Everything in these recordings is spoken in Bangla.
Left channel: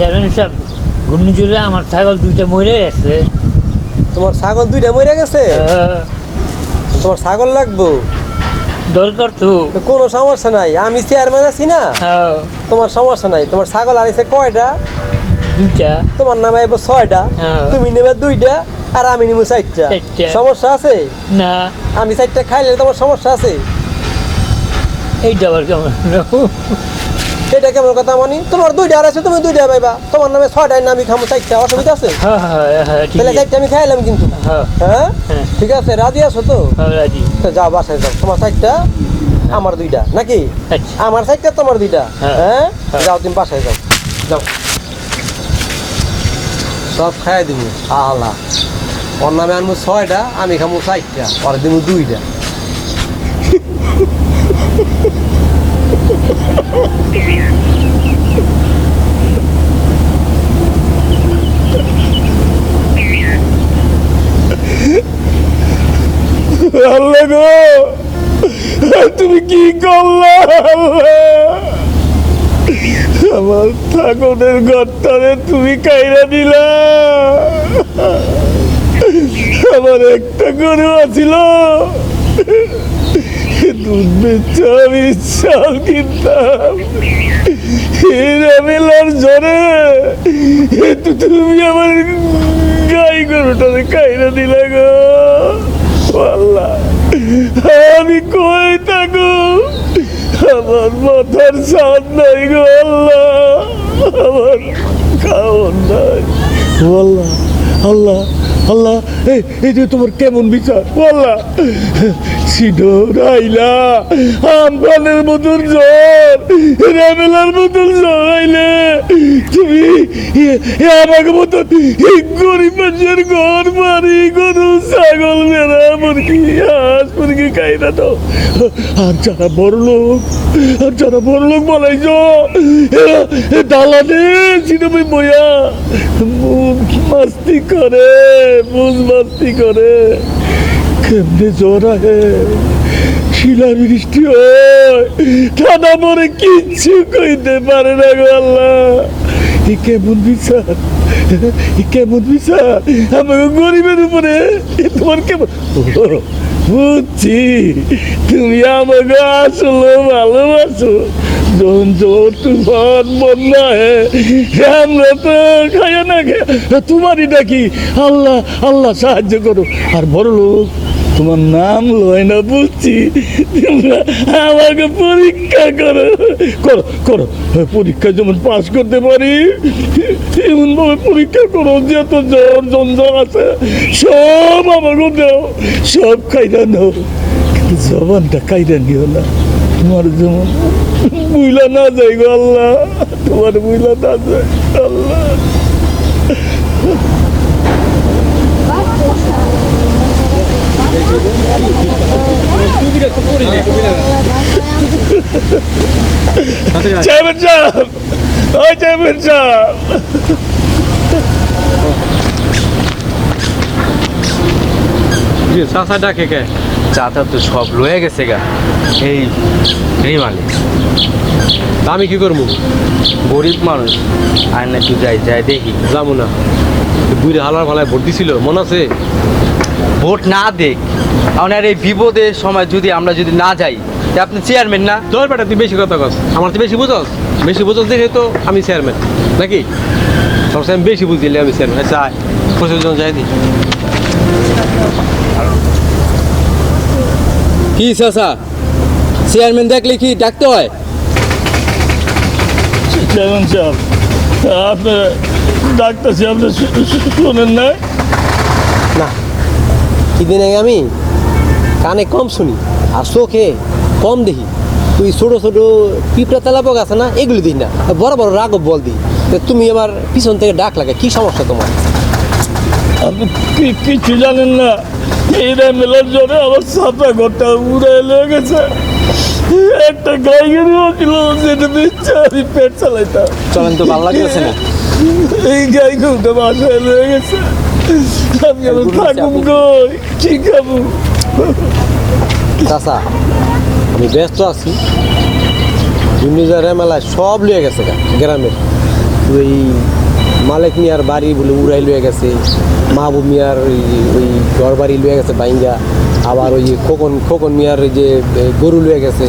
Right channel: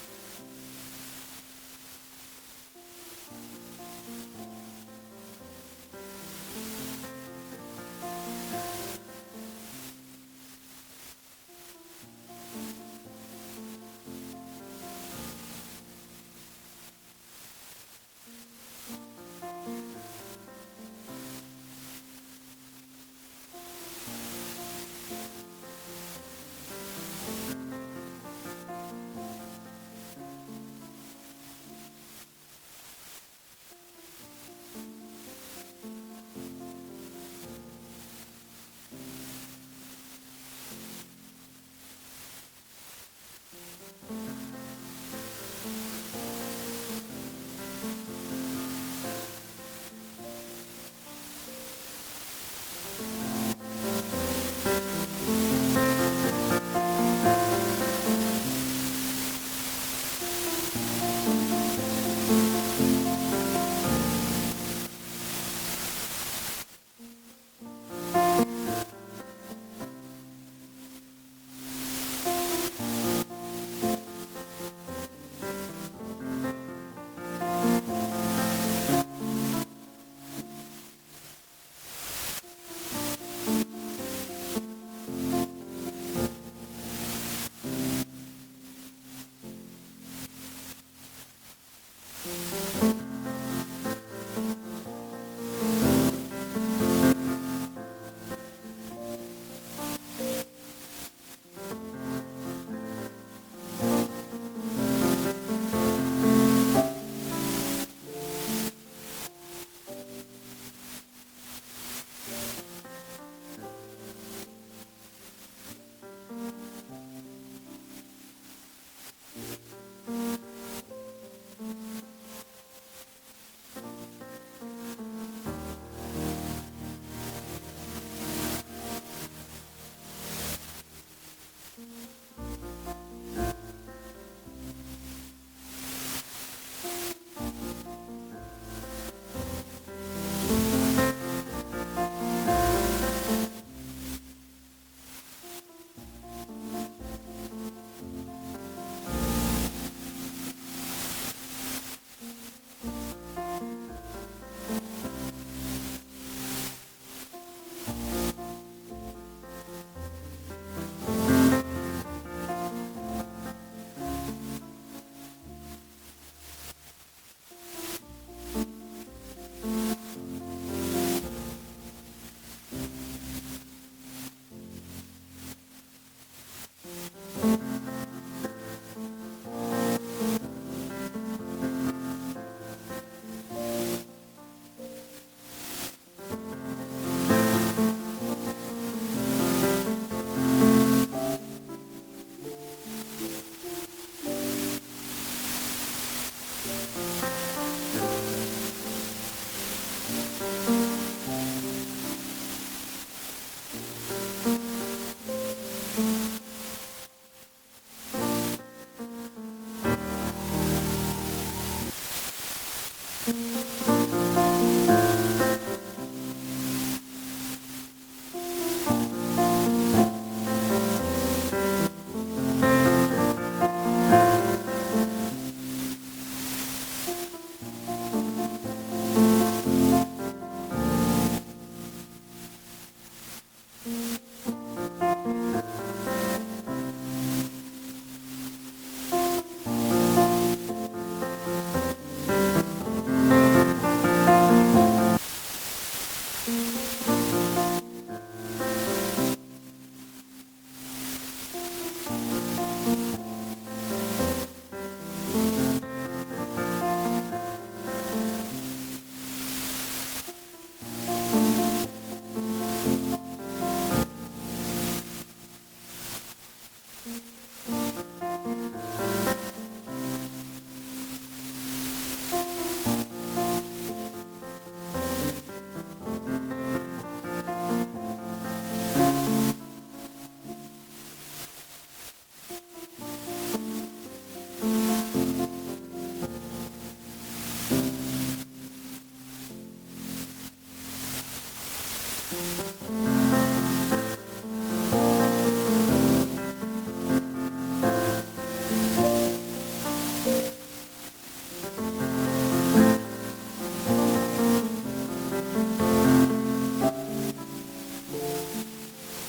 চেয়ারম্যান সাহেব ঘূর্ণিঝড়ে আমার ছাগল দুইটা মরে গেছে। তোমার ছাগল দুইটা মরে গেছে? তোমার ছাগল লাগবো? দরকার তো। কোনো সমস্যা নাই আমি চেয়ারম্যান আছি না। হ্যাঁ, তোমার সমস্যা নাই তোমার ছাগল আনিছে কয়টা? দুইটা। তোমার নামে আইব ছয়টা হ্যাঁ। তুমি নেবে দুইটা আর আমি নিবো চারটা। সমস্যা আছে? না। আমি চারটা খাইলে তোমার সমস্যা আছে? এইটা আবার কেমন? এটা কেমন কথা মানি? তোমার দুইটা আর আছে তুমি দুইটা পাইবা। তোমার নামে ছয়টায় না আমি খামো চারটা অসুবিধা আছে? হ্যাঁ হ্যাঁ হ্যাঁ তাহলে আছে আমি খাইলাম কিন্তু। হ্যাঁ। ঠিক আছে রাজি আছো তো? যাও বাসায় যাও। তোমার চারটা আমার দুইটা নাকি? আচ্ছা। আমার চারটা তোমার দুইটা? হ্যাঁ। যাও তুমি বাসায় যাও। যাও। সব খাই দিব আল্লাহ। ওর নামে আনব ছয়টা আমি খামো চারটা ওর দিব দুইটা। আল্লাহ তুমি কি করলে আমার ঠাকুরের ঘরটারে তুমি কাইরা দিলা। আমার একটা গরু আছিল। দুধ আমি তুমি আমার গাই গরুটারে কাইরা দিলা গো। আমি কই থাকো? আমার মাথার সাদ নাই গো, আল্লাহ। আমার খাওয়ার নাই। আল্লাহ আল্লাহ। আল্লাহ, এই যে তোমার কেমন বিচার? আল্লাহ সিডো আইলা আমফানের মতন জ্বর রেমেলার মতন জ্বর আইলে, তুমি আমাকে মতন গরিব মানুষের ঘর বাড়ি, গরু, ছাগল মেরা মুরগি, হাঁস মুরগি খাই না তো। আর যারা বড় লোক, আর যারা বড় লোক বলাইছ দালানে সিনেমে বইয়া মাস্তি করে মুখ মাস্তি করে। কেমনে জ্বর আহে হয় পরে কিচ্ছু কইতে পারে না গো আল্লাহ। এ কেমন বিচার কেমন বিচার? আমাকে গরিবের উপরে তোমার কেমন বুঝছি। তুমি আমাকে আসলে ভালোবাসো। যখন জোর তুফান বন্যা আমরা তো খাইয়া না তোমারই ডাকি আল্লাহ আল্লাহ সাহায্য করো। আর বড় লোক তোমার নাম লয় না বুঝছি। আমাকে পরীক্ষা করো। করো করো। পরীক্ষা যেমন পাশ করতে পারি এমন ভাবে পরীক্ষা করো যত জ্বর জঞ্জল আছে সব আমাকে দাও সব খাইরা নাও। কিন্তু জবানটা খাইরা নিও না তোমার যেমন বুইলা না যাই গো আল্লাহ তোমার বুইলা না যায় আল্লাহ। চেয়ারম্যান সাহেব ওই চেয়ারম্যান সাহেব। চাষা ডাকে কে? চাচা তো সব লয়ে গেছে গা। এই এই মালিক। আমি কি করব? গরিব মানুষ। আর না একটু যাই যাই দেখি। যাব না। বুড়ি হালার ফালায় ভোট দিছিল মনে আছে? ভোট না দেখ। আপনার এই বিপদের সময় যদি আমরা যদি না যাই তা আপনি চেয়ারম্যান না? তোর বেটা তুই বেশি কথা কস। আমার তো বেশি বুঝস? বেশি বুঝস দেখে তো আমি চেয়ারম্যান নাকি? সবসময় বেশি বুঝিলে আমি চেয়ারম্যান আচ্ছা আয়। পঁচিশ জন যাই দি। কি চাচা? চেয়ারম্যান দেখলে কি ডাকতে হয়? চেয়ারম্যান সাহেব আপনি আপনি শোনেন না না দিন আগে আমি? কানে কম শুনি আর চোখে কম দেখি। তুই ছোট ছোট পিঁপড়া তেলাপক আছে না এগুলি দিই না। বড় বড় রাগব বল দিই তুমি আমার পিছন থেকে ডাক লাগে কি সমস্যা তোমার? আপনি কিছু জানেন না? এই মেলার জন্য আমার সাপা ঘরটা উড়ে লেগে গেছে একটা গাই গরু ছিল যেটা দিচ্ছে আমি পেট চালাইতাম। চলেন তো ভালো লাগতেছে না? এই গাই গরুটা বাসায় লেগে গেছে আমি আমার থাকুম গই কি খাব? চাষা আমি ব্যস্ত আছি। দুর্নীজার মেলায় সব লিয়ে গেছে গ্রামের। ওই মালিক মিয়ার বাড়ি বলে উড়াই লয়ে গেছে। মাহবুব মিয়ার ওই ওই ঘর বাড়ি লয়ে গেছে বাইঙ্গা। আবার ওই খোকন খোকন মিয়ার ওই যে গরু লয়ে গেছে।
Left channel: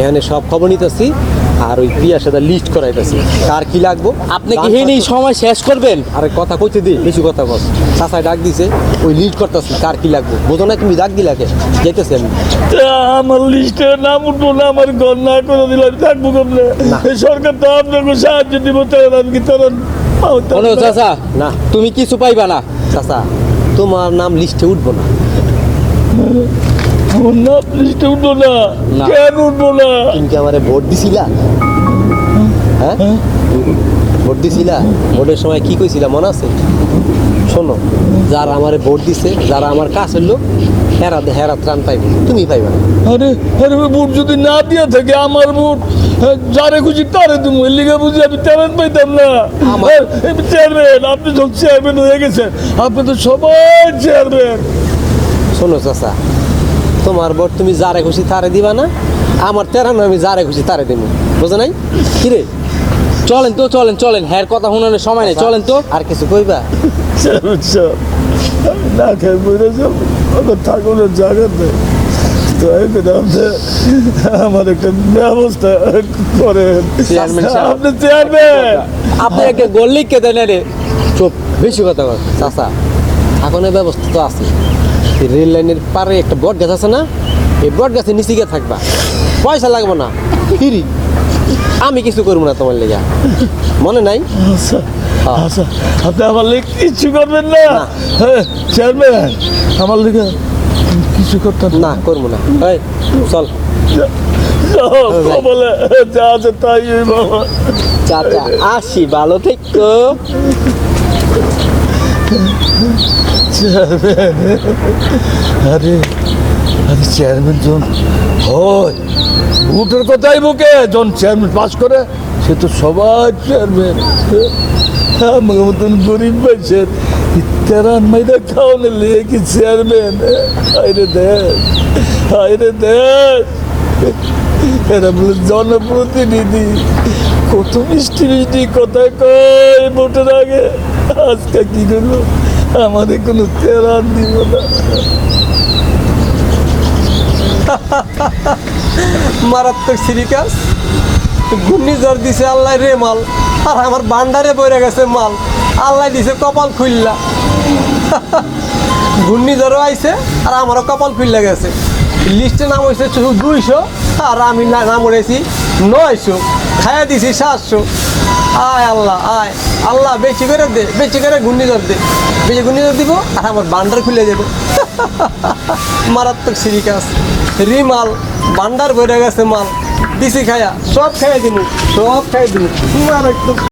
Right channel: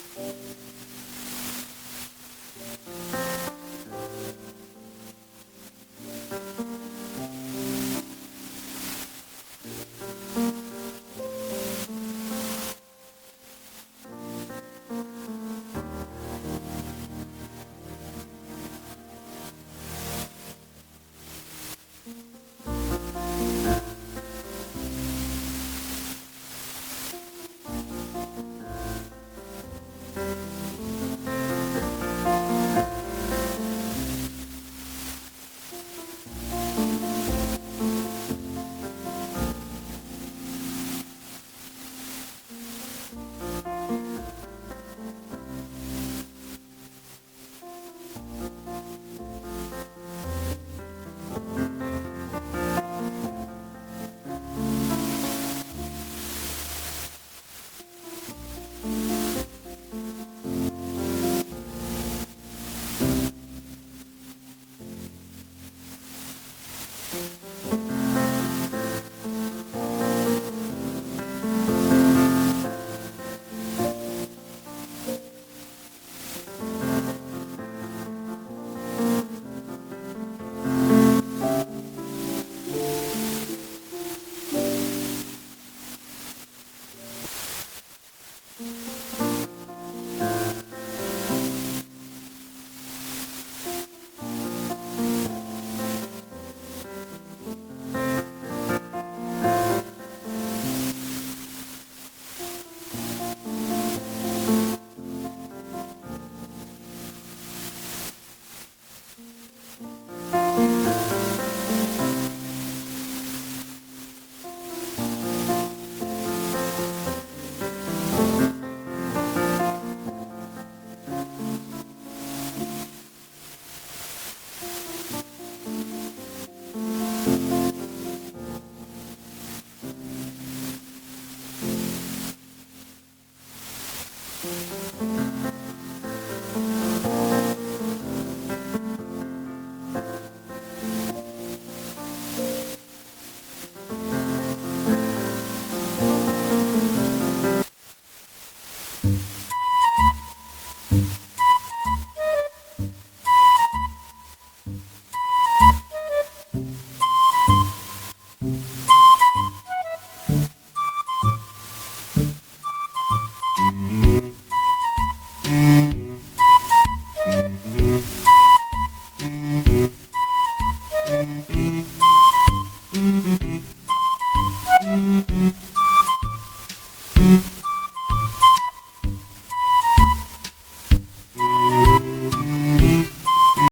এখানে সব খবর নিতেছি আর ওই পিয়ার সাথে লিস্ট করাইতেছি। কার কি লাগবো? আপনি কি হেনি সময় শেষ করবেন? আরে কথা কইতে দি বেশি কথা বল চাচাই ডাক দিছে ওই লিস্ট করতেছি কার কি লাগবো? বোঝো না তুমি ডাক দিলাকে যেতেছি আমি। আমার লিস্টে নাম উঠবো না আমার ঘর না করে দিলে আমি থাকব কেমনে? এই সরকার তো আপনাকে সাহায্য দিব তাহলে আমি কি তারা চাচা না। তুমি কিছু পাইবা না? চাচা তোমার নাম লিস্টে উঠবো না। আমার নাম লিস্টে উঠবো না। না। কেন উঠবো না? তুমি কি আমারে ভোট দিছিলা? হ্যাঁ? ভোট দিছিলা? ভোটের সময় কি কইছিলা? মনে আছে? শোনো যারা আমারে ভোট দিছে যারা আমার কাছের লোক হেরা হেরা ত্রাণ পাইবে। তুমি পাইবা না। আরে আরে বুট যদি না দিয়া থাকে আমার হ্যাঁ, যারে খুশি তারে তুমি এর লিগে বুঝি আমি ট্যালেন্ট পাইতাম না। চেয়ারম্যান আপনি যখন চেয়ারম্যান হয়ে গেছেন আপনি তো সবাই চেয়ারম্যান শোনো চাচা তোমার ভোট তুমি যারে খুশি তারে দিবা না আমার তেরানো আমি যারে খুশি তারে দিব বুঝো নাই? কিরে চলেন তো চলেন চলেন হ্যার কথা শুনানোর সময় নেই চলেন তো। আর কিছু কইবা? না খেয়ে আমার ঠাকুরের জায়গাতে দয়া করে আপনি আমার একটা ব্যবস্থা সাহেব। আপনি চেয়ারম্যান আপনি একটা গোল লিখকে দেন রে। চুপ বেশি কথা বল চাচা আগুনের ব্যবস্থা তো আছে। রেল লাইনের পারে একটা বট গাছ আছে না? এই বট গাছের নিচে গিয়ে থাকবা। পয়সা লাগবে না। ফিরি। আমি কিছু করব না তোমার লেগে। মনে নাই? আচ্ছা হ্যাঁ। আচ্ছা। আপনি আমার লেগে কিচ্ছু করবেন না। না। হ্যাঁ চেয়ারম্যান আমার লেগে কিছু করতে না করব না। এই, চল। বলে যা আছে তাই বাবা চাচা আসি ভালো থেকো। চেয়ারম্যান আরে আরে চেয়ারম্যান জন হয় ভোটের কথাই বুকে জন চেয়ারম্যান পাস করে সে তো সবার চেয়ারম্যান আমার মতন গরিব পাইছেন চেয়ারম্যান জনপ্রতিনিধি কত মিষ্টি মিষ্টি কথা কয় ভোটের আগে আজকে কি করল আমাদের কোনো তেরান দিব না মারাত্মক সিরিকাস ঘূর্ণিঝড় দিছে, আল্লাহ রে মাল। আর আমার বান্ডারে বইরে গেছে মাল। আল্লাহ দিছে কপাল খুললা ঘূর্ণিঝড়ও আইছে, আর আমারও কপাল খুললা গেছে। লিস্টে নাম হয়েছে দুইশো, আর আমি নাম উঠেছি নয়শো। খাইয়া দিছি সাতশো। আয় আল্লাহ আয়। আল্লাহ, বেশি করে দে, বেশি করে ঘূর্ণিঝড় দে। বেশি ঘূর্ণিঝড় দিব, আর আমার বান্ডার খুলে যাবে মারাত্মক সিরিকাস। রিমাল বান্ডার ভরে গেছে মাল। দিছি খায়া সব খাইয়া দিব সব খাই তোমার মারাত্মক